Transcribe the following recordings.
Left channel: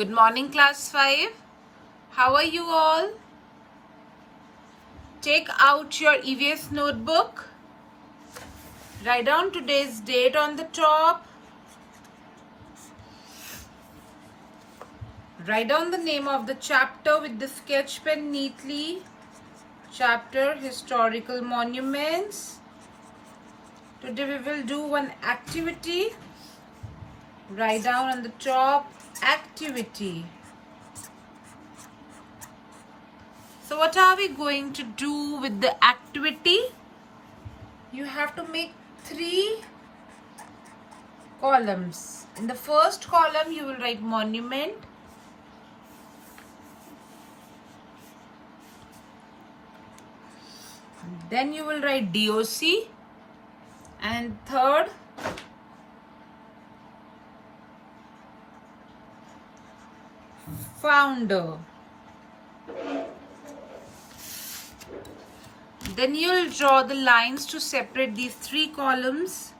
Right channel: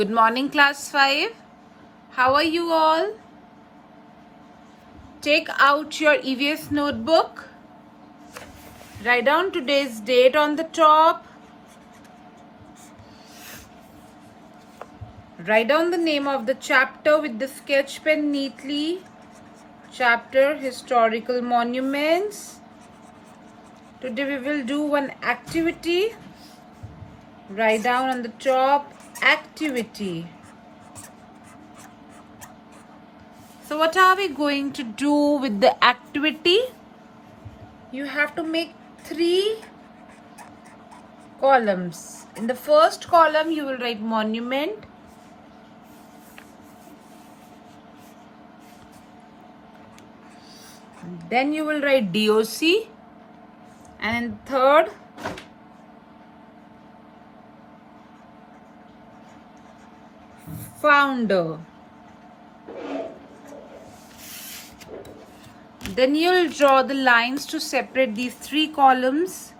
Good morning, class 5. How are you all? Take out your EVS notebook. Write down today's date on the top. Write down the name of the chapter with the sketch pen neatly. Chapter Historical Monuments. Today we will do one activity. Write down on the top activity. So what are we going to do with the activity? You have to make 3 columns. In the first column, you will write monument. Then you will write DOC. And third, founder. Then you will draw the lines to separate these 3 columns.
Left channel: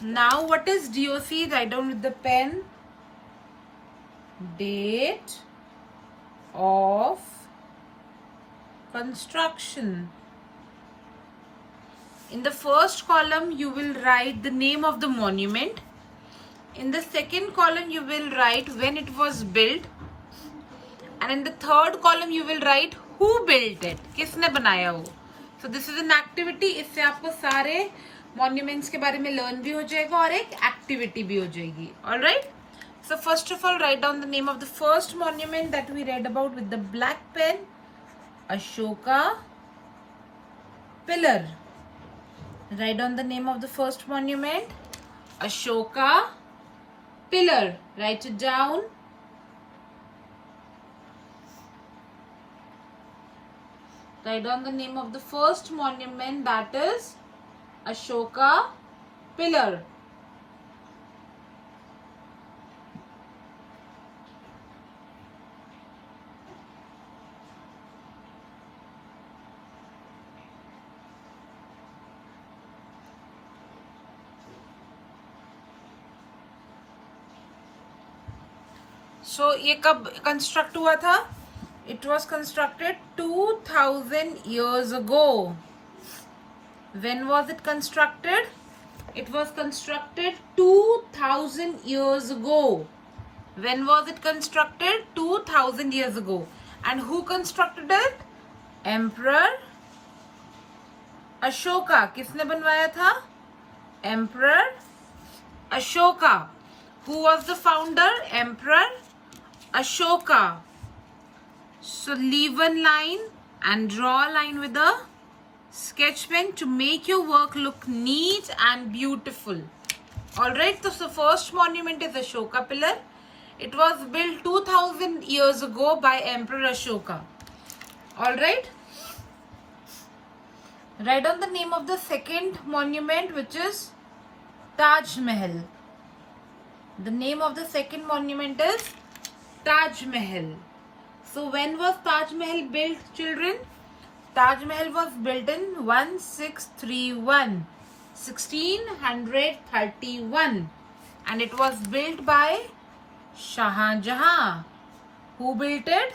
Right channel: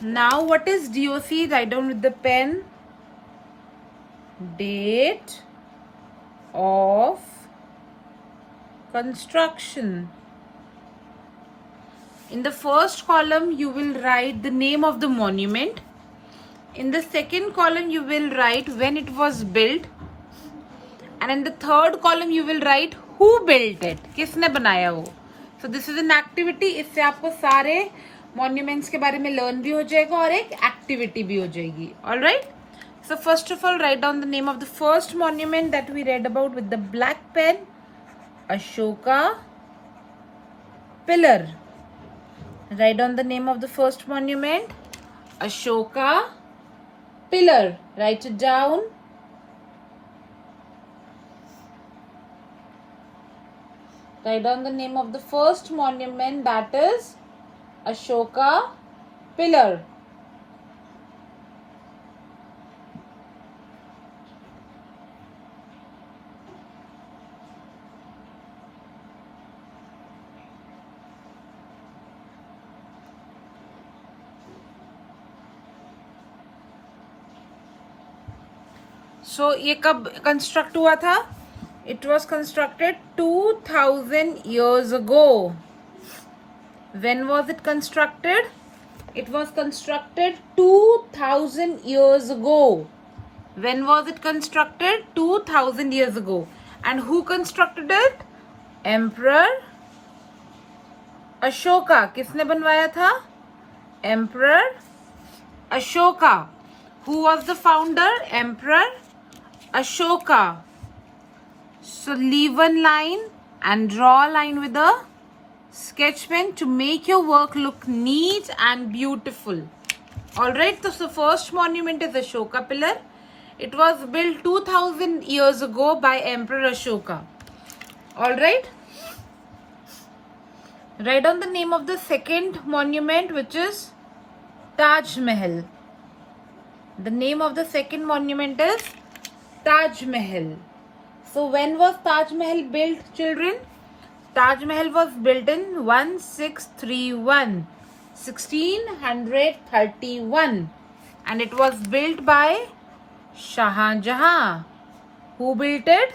Now what is DOC? Write down with the pen. Date of construction. In the first column, you will write the name of the monument. In the second column, you will write when it was built. And in the third column, you will write who built it. किसने बनाया वो. So this is an activity. इससे आपको सारे monuments के बारे में learn भी हो जाएगा और एक activity भी हो जाएगी. Alright? So first of all, write down the name of the first monument that we read about with the black pen. Ashoka Pillar. Write down the name of the first monument. Ashoka Pillar. Write it down. Write down the name of the first monument, that is Ashoka Pillar. So ये कब construct हुआ था? It was constructed 2000 years ago. When was it constructed? It was constructed 2000 years ago. When was it constructed? 2000 years ago. And who constructed it? Emperor Ashoka. किसने बनवाया था? Emperor Ashoka. Who was the founder? Emperor Ashoka. So leave one line and draw a line with a sketch pen to make your work look neat and beautiful. Alright, so the first monument is Ashoka Pillar. It was built 2000 years ago by Emperor Ashoka. Alright. Write down the name of the second monument, which is Taj Mahal. The name of the second monument is Taj Mahal. So when was Taj Mahal built, children? Taj Mahal was built in 1631. And it was built by Shah Jahan. Who built it?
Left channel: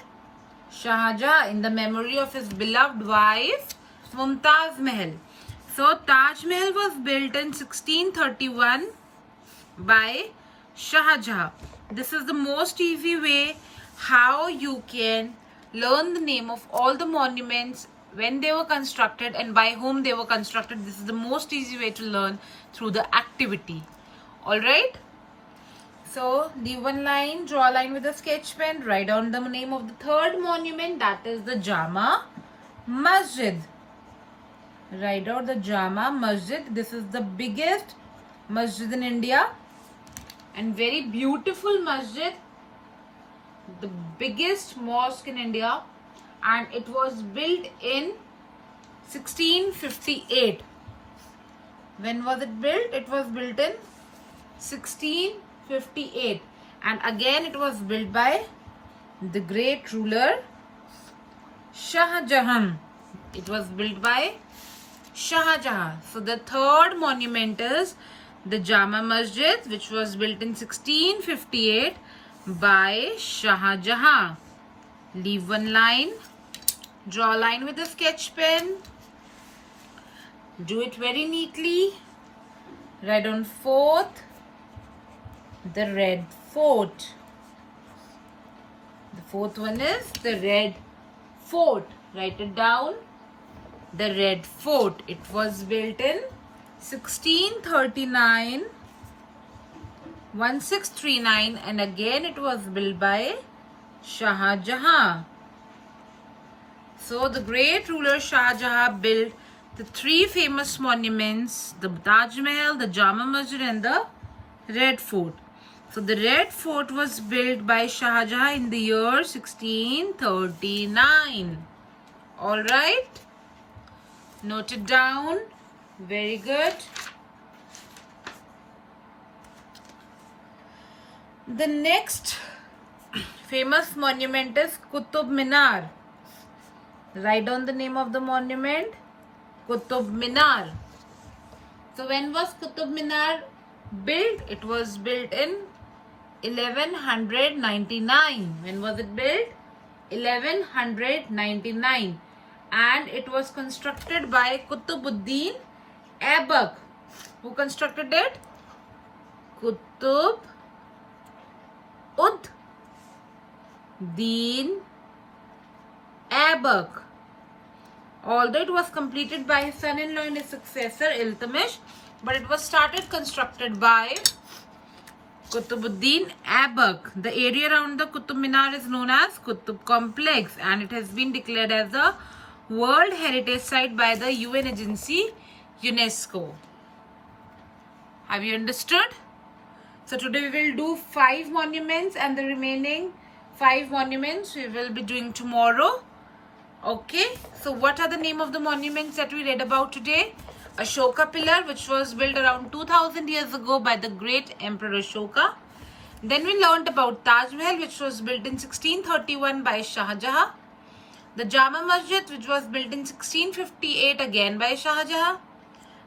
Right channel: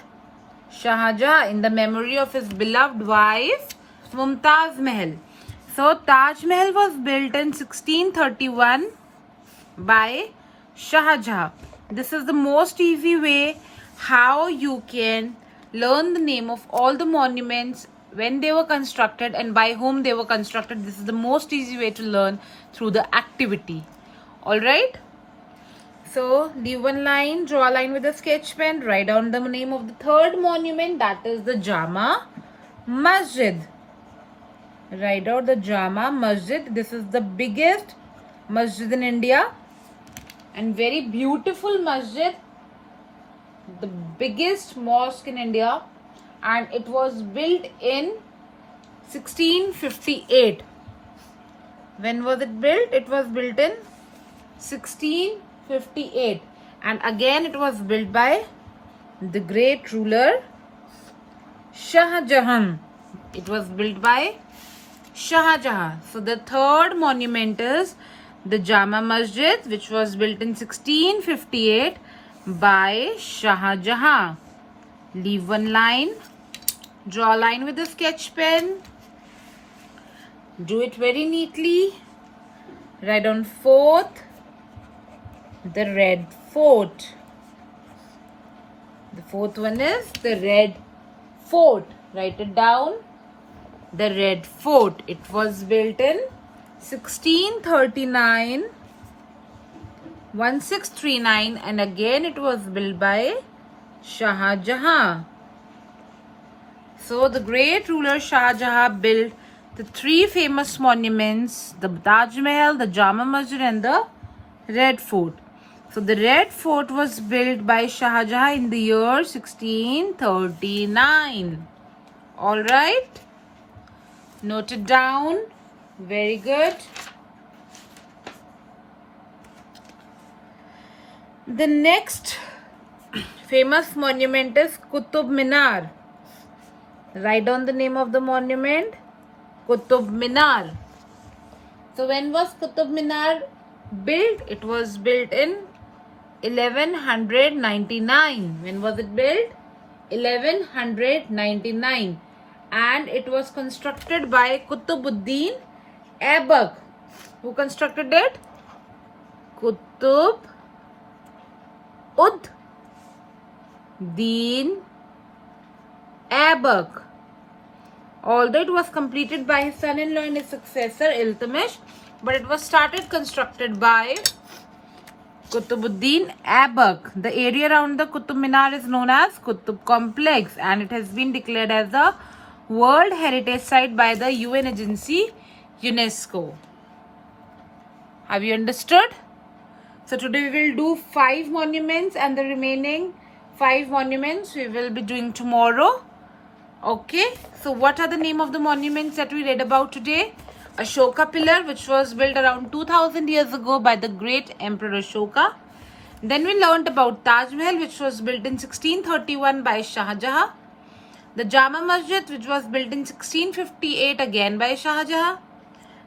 Shah Jahan, in the memory of his beloved wife Mumtaz Mahal. So Taj Mahal was built in 1631 by Shah Jahan. This is the most easy way how you can learn the name of all the monuments, when they were constructed and by whom they were constructed. This is the most easy way to learn through the activity. Alright? So leave one line, draw a line with a sketch pen, write down the name of the third monument, that is the Jama Masjid. Write out the Jama Masjid. This is the biggest masjid in India and very beautiful masjid, the biggest mosque in India, and it was built in 1658. When was it built? It was built in 1658, and again it was built by the great ruler Shah Jahan. It was built by Shah Jahan. So the third monument is the Jama Masjid, which was built in 1658 by Shah Jahan. Leave one line. Draw a line with a sketch pen. Do it very neatly. Write on fourth, the Red Fort. The fourth one is the Red Fort. Write it down. The Red Fort. It was built in 1639, 1639, and again it was built by Shah Jahan. So the great ruler Shah Jahan built the three famous monuments, the Taj Mahal, the Jama Masjid, and the Red Fort. So the Red Fort was built by Shah Jahan in the year 1639. All right. Note it down. Very good. The next famous monument is Qutub Minar. Write down the name of the monument. Qutub Minar. So when was Qutub Minar built? It was built in 1199. When was it built? 1199. And it was constructed by Qutubuddin Aibak. Who constructed it? Qutubuddin Aibak. Although it was completed by his son-in-law and his successor Iltutmish, but it was constructed by Qutubuddin Aibak. The area around the Qutub Minar is known as Qutub Complex, and it has been declared as a World Heritage Site by the UN agency UNESCO. Have you understood? So today we will do 5 monuments, and the remaining 5 monuments we will be doing tomorrow. Okay, so what are the name of the monuments that we read about today? Ashoka Pillar, which was built around 2000 years ago by the great Emperor Ashoka. Then we learned about Taj Mahal, which was built in 1631 by Shah Jahan. The Jama Masjid, which was built in 1658 again by Shah Jahan.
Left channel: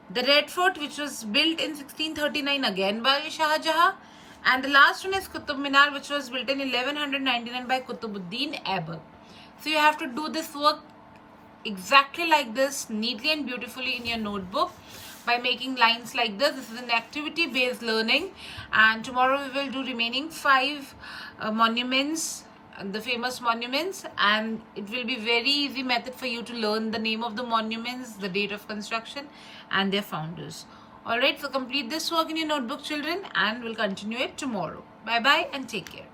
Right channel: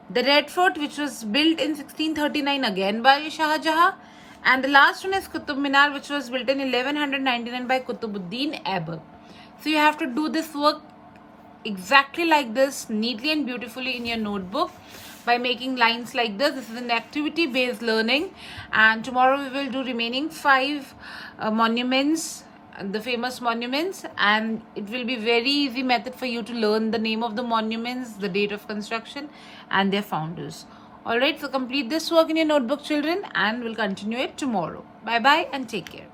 The Red Fort, which was built in 1639 again by Shah Jahan. And the last one is Qutub Minar, which was built in 1199 by Qutubuddin Aibak. So you have to do this work exactly like this, neatly and beautifully in your notebook by making lines like this. This is an activity based learning, and tomorrow we will do remaining 5 monuments, the famous monuments, and it will be very easy method for you to learn the name of the monuments, the date of construction, and their founders. Alright, so complete this work in your notebook, children, and we'll continue it tomorrow. Bye bye and take care.